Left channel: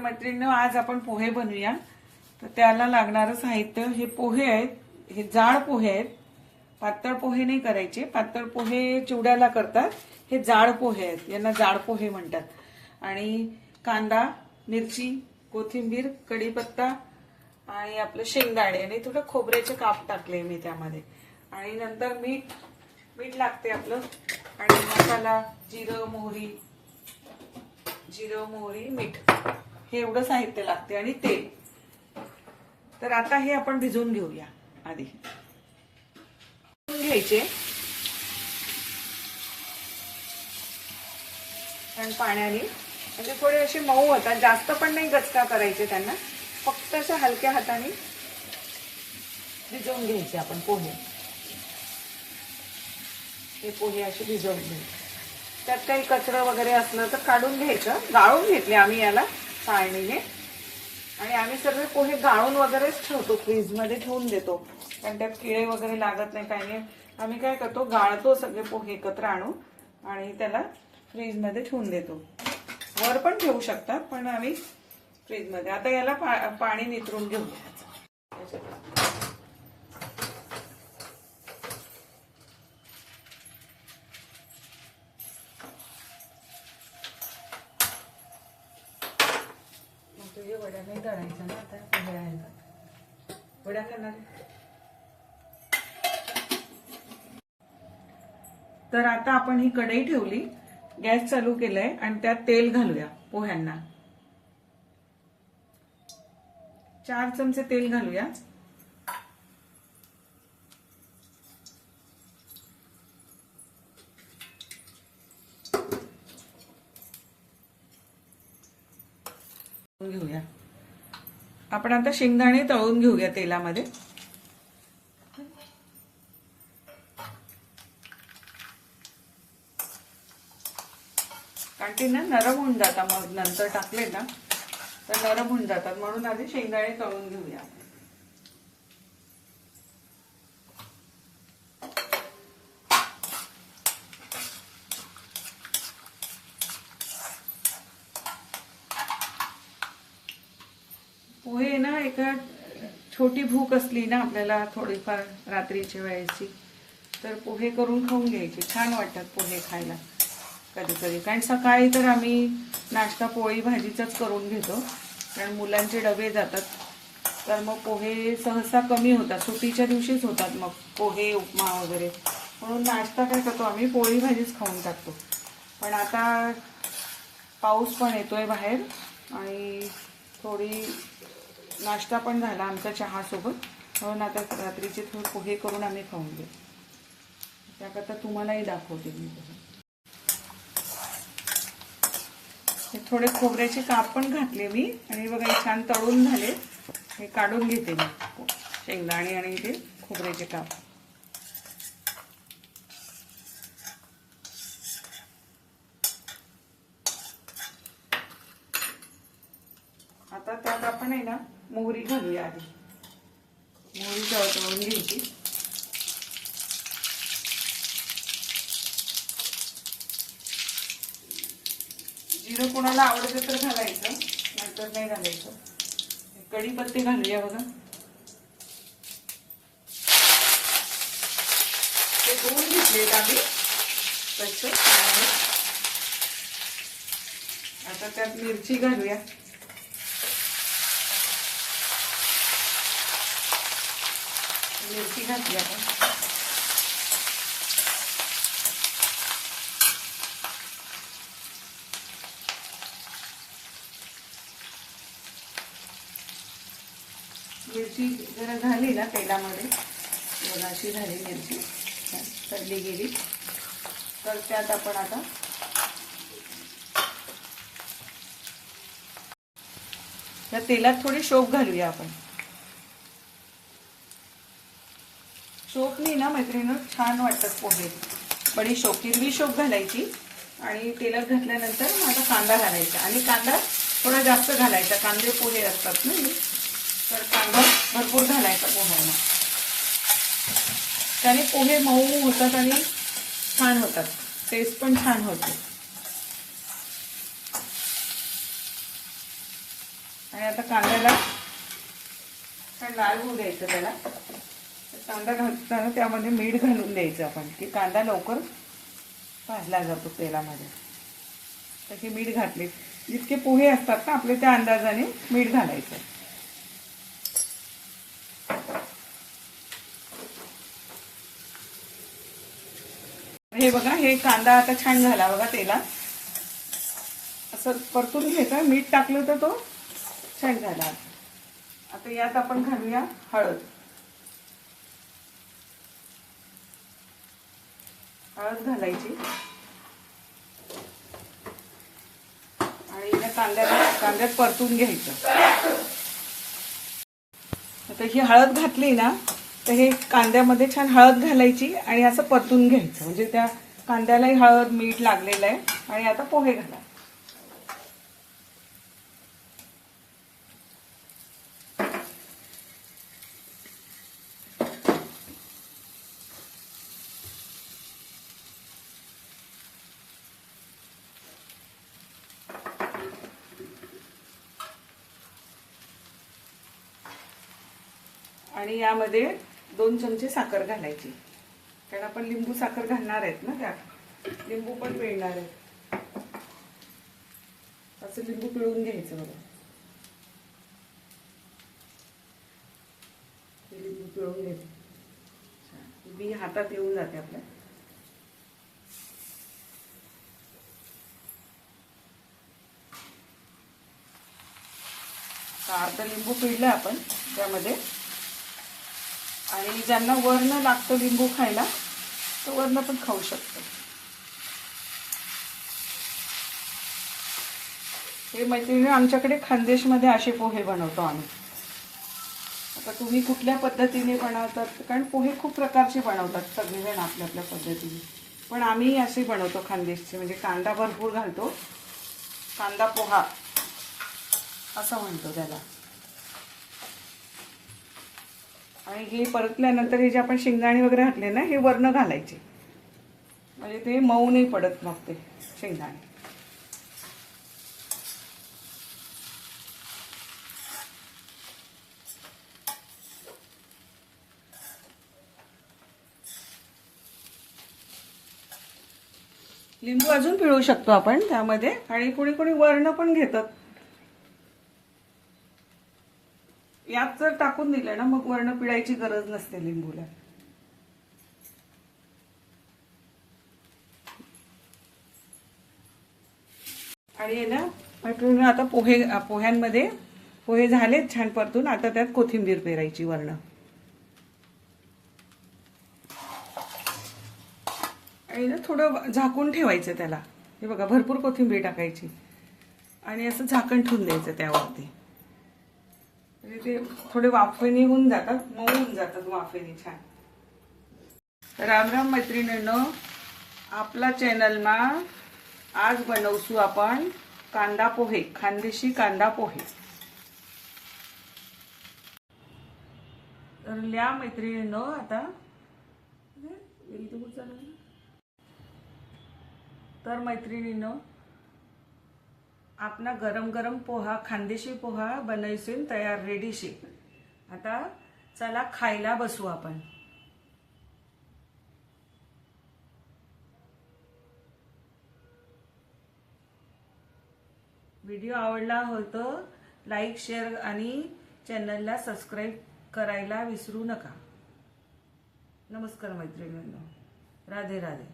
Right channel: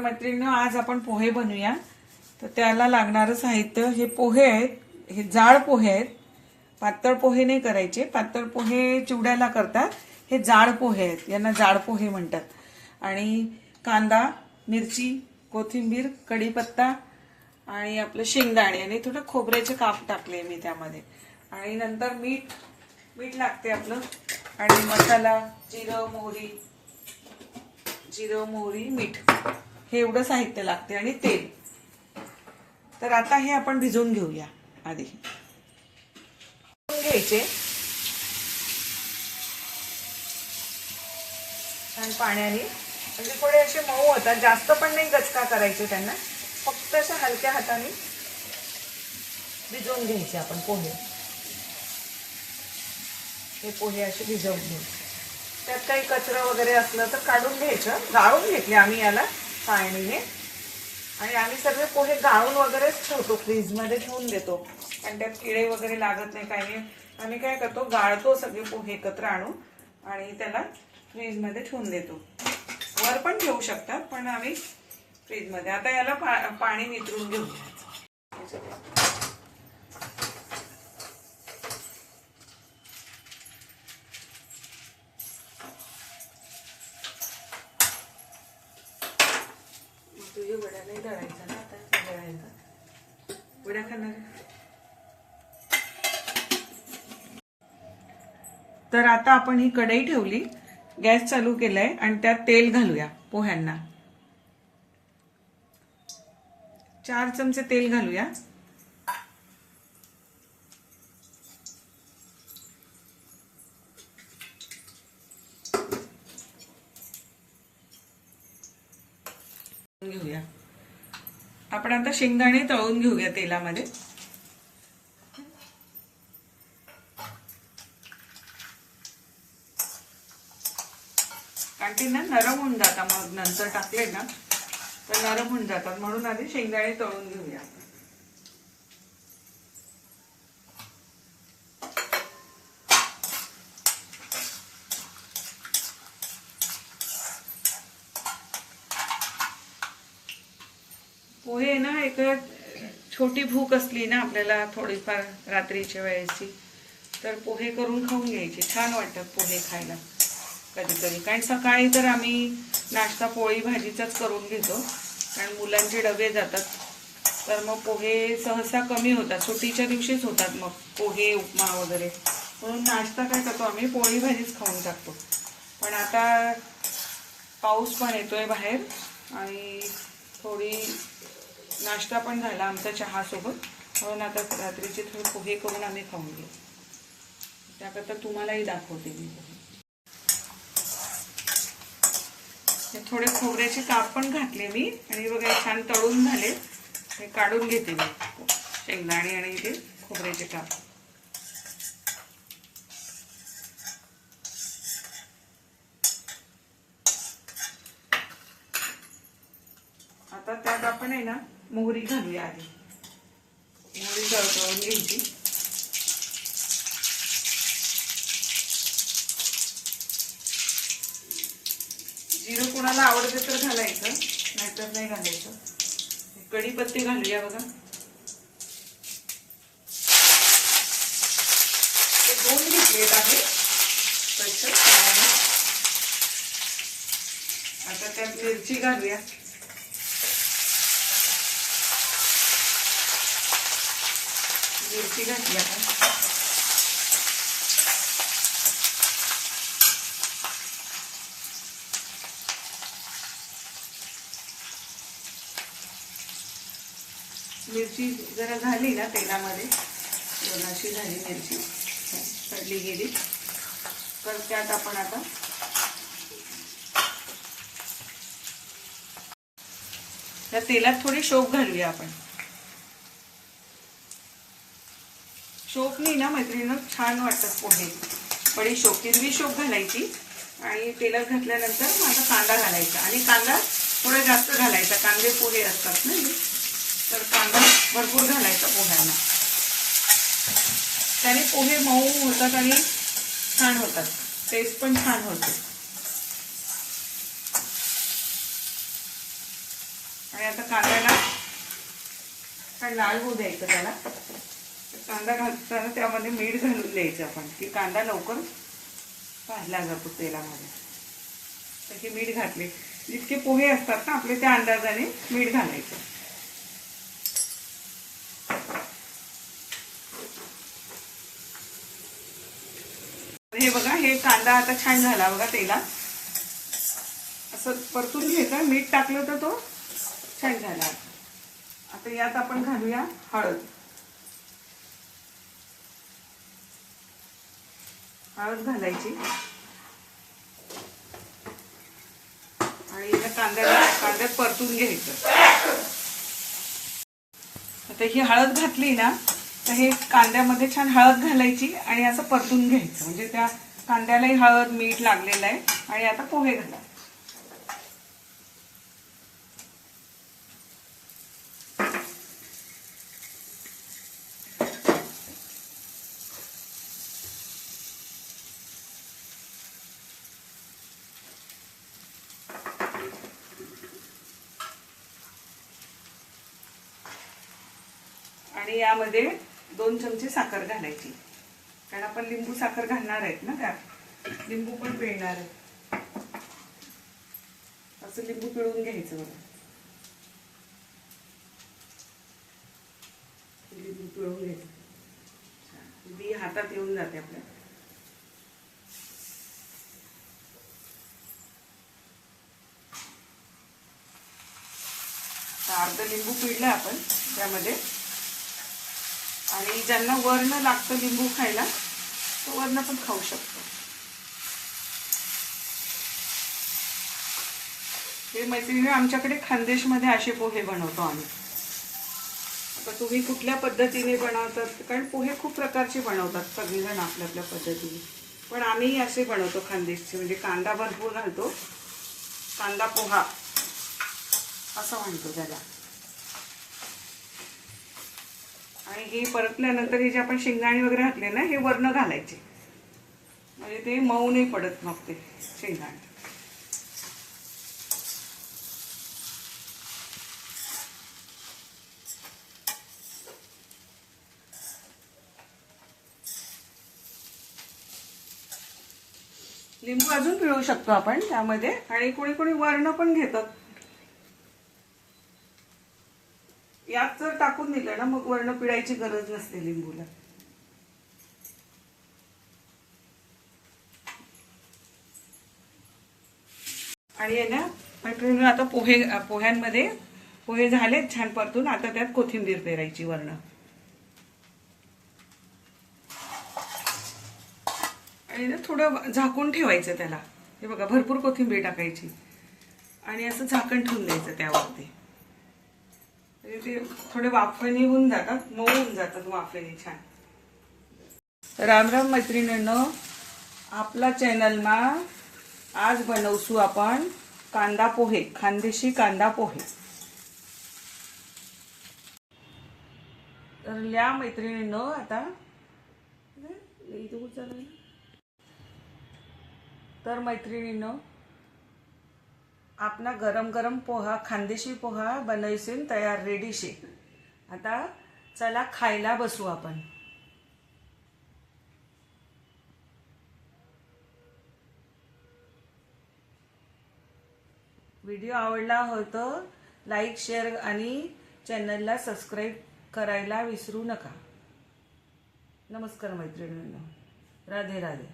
मैत्रिणींनो, आज आपण पोहे बनवूया. तर त्याला लागणारं साहित्य हे पोहे आहेत. हे जाड पोहे आहेत. पातळ पोहे नाही करायचे. पातळ पोहे चिवड्याला करतात. हे जाड पोहे आहेत. यांना जाड पोहे म्हणतात. आणि कांदा, मिरची, कोथिंबीर, कढीपत्ता आणि आपलं शेंगदाणे आणि थोडं खोबऱ्याचे काप टाकले मी त्यामध्ये. आणि नंतर मीठ लागते आपलं. आणि मसाला, जिरं मोहरी, मीठ, हे एवढं साहित्य लागते आणि तेल. तर आता हे आपण भिजवून घेऊया. आधी घ्यायचे पण पाण्याने, म्हणजे थोडे असे मऊ होतात. जास्त पण नाही गचका करायचे त्यांना. फक्त अशा हलक्या हाताने भिजवून घ्यायचे आपण पोहे. हे पोहे असे भिजवून घ्यायचे. त्यात काही कचरा वगैरे असलं तर काढून घ्यायचं. गाळून घेतले आम्ही याला चाळणीने. आणि आम्ही सगळे पोहे गाळून वगैरेच ठेवतो, फ्रीजमध्ये ठेवून देतो. पण त्यात किडे वगैरे लागत नाही, काही नाही. आम्ही काय करतो, गाळतो सगळे पोहे एकत्र आणून आणि त्याला फ्रीजमध्ये ठेवून देतो. वर पण ठेवू शकतात, पण आम्ही फ्रीजमध्ये. आता याला पाणी नितरून घेऊया. तुझे वड्या नाही तळायच्या ना आता. वड्या खाणार. तर आता आपण ही कढई ठेवली, गॅस चालू केलाय आणि त्यात तेल घालूया पोह्यांना. 4 चमचे तेल घालूया. घेऊया आपण आता शेंगदाणे तळून घेऊया तेलामध्ये. कारण ते ना नरम होऊन जातात, मग नंतर टाकले ना तर नरम होऊन जातात. म्हणून आधी शेंगदाणे तळून घेऊया. पोहे ना, एक छोटी भूक असली ना आपल्याला थोडीफार रात्रीच्या वेळेची, तर पोहे करून खाऊन घ्यायचे. छान वाटतात पोहे खायला कधी कधी. कारण सकाळी तर आम्ही नाश्ता पोळी भाजीचाच करून घेतो, कारण मुलांचे डबे जातात. तर मग पोहे सहसा कमी होतात, सुट्टीच्या दिवशीच होतात मग पोहे, उपमा वगैरे. म्हणून नाश्ता काय करतो आम्ही, पोळी भाजीच खाऊन टाकतो. पण आता पाऊस पण येतोय बाहेर आणि थोडी नाश्ता पण झाला आमचा चहासोबत. म्हणून आता रात्रीचे थोडे पोहे करून आम्ही खाऊन घेऊ. त्याकरता तुम्हालाही दाखवते मी पोहे. थोडे खोबऱ्याचे काप पण घातले मी. आणि बघा छान तळून झाले. हे काढून घेते मी शेंगदाणे आणि ते खोबऱ्याचे काप. आता त्यात आपण आहे ना मोहरी घालूया. आधी मोहरी तळून घ्यायची. जिरं कुणाला आवडतं तर घालायचं, नाहीतर नाही घालायचं. कढीपत्ते घालूया बघा. ते धुवून घेतलेत आम्ही स्वच्छ. आता त्यात मिरची घालूया. मिरची घातली आपण. मिरची जरा झाली ना तेलामध्ये, दोनाशी झाली मिरची, तळली गेली. तर त्यात आपण आता त्या तेलात थोडी शोप घालूया आपण. शोपनी ना मैत्रिणींनो छान वाटतात पोहे. बडीशोप, हिरवी शोप घालायची आणि तेलात घातल्यानंतर माझा कांदा घालायचा. आणि कांदा थोडा जास्त घालायचा, कांदे पोहे असतात ना, तर कांदा भरपूर घालायचा पोह्यांना. त्याने पोहे मऊ होतात आणि छान होतात, टेस्ट पण छान होते. आणि आता कांद्याला छान लाल होऊ द्यायचं त्याला. कांदा घालताना त्यामध्ये मीठ घालून द्यायचं आपण, की कांदा लवकर भाजला जातो तेलामध्ये. तर हे मीठ घातले, जितके पोहे असतात ना आपले त्या अंदाजाने मीठ घालायचं. हे बघा, हे कांदा आता छान झाला बघा तेलात. असं परतून घ्यायचं, मीठ टाकलं तर तो छान झाला. आता यात आपण घालूया हळद. हळद घालायची आणि या कांद्यात परतून घ्यायचं. आता ही हळद घातली ना तर हे कांद्यामध्ये छान हळद घालायची आणि असं परतून घ्यायचं, म्हणजे त्या कांद्यालाही हळद मीठ लागलेलं आहे. आणि आता पोहे घाला. आणि यामध्ये 2 चमचे साखर घालायची, कारण आपण लिंबू साखर घालणार आहेत ना, त्यात लिंबू पण पिळणार आहे. असं लिंबू पिळून घ्यायचं बघा. लिंबू पिळून घ्यायचं, बी हातात येऊन जाते आपल्या. अर्ध लिंबू पिळलं आपण त्यामध्ये. आणि ज्यांना वर्ण लागतं लिंबू खायला तो वर्ण पण खाऊ शकतो. हे मैत्रिणी, आमच्याकडे खानदेशमध्ये असे पोहे बनवतो आम्ही. आता तुम्ही कुठल्या पद्धतीने बनवतात, कारण पोहे खूप प्रकारचे बनवतात सगळेजण आपल्या आपल्या पद्धतीने, पण आम्ही असे बनवतो खानदेशचे. म्हणजे कांदा भरपूर घालतो, कांदा पोहा असं म्हणतो त्याला. आणि हे परतल्यानंतर हे जे आपण शेंगदाणे वगैरे घातले ना, हे वर्ण घालायचे, म्हणजे ते मऊ नाही पडत मग ते शेंगदाणे. लिंबू अजून पिळू शकतो आपण त्यामध्ये, आणि कोणी कोणी वर्ण पण घेतात. यात जर टाकून दिलं ना मग वर्ण पिळायची गरज नसते लिंबूला. आणि ना मैत्रिणी, आता पोह्यांमध्ये पोहे झाले छान परतून. आता त्यात कोथिंबीर पेरायची वर्ण, आणि ना थोडं झाकून ठेवायचं त्याला. हे बघा, भरपूर कोथिंबीर टाकायची आणि असं झाकण ठेवून द्यायचं त्यावरती. ते थोडे वाफेने होऊन जातात, मऊ होऊन जातात वाफेने छान. राम राम मैत्रिणींनो, आपला चॅनलमा आज बनवसू आपण कांदा पोहे, खानदेशी कांदा पोहे. तर या मैत्रिणींनो, आता तर मैत्रिणींनो, आपला गरम गरम पोहा, खानदेशी पोहा बनवशील तयार, रेडी शे. आता चला खायला बसू आपण. व्हिडिओ आवडला हो तर लाईक, शेअर आणि चॅनलला सबस्क्राईब करायला विसरू नका. नमस्कार मैत्रिणींनो, राधे राधे.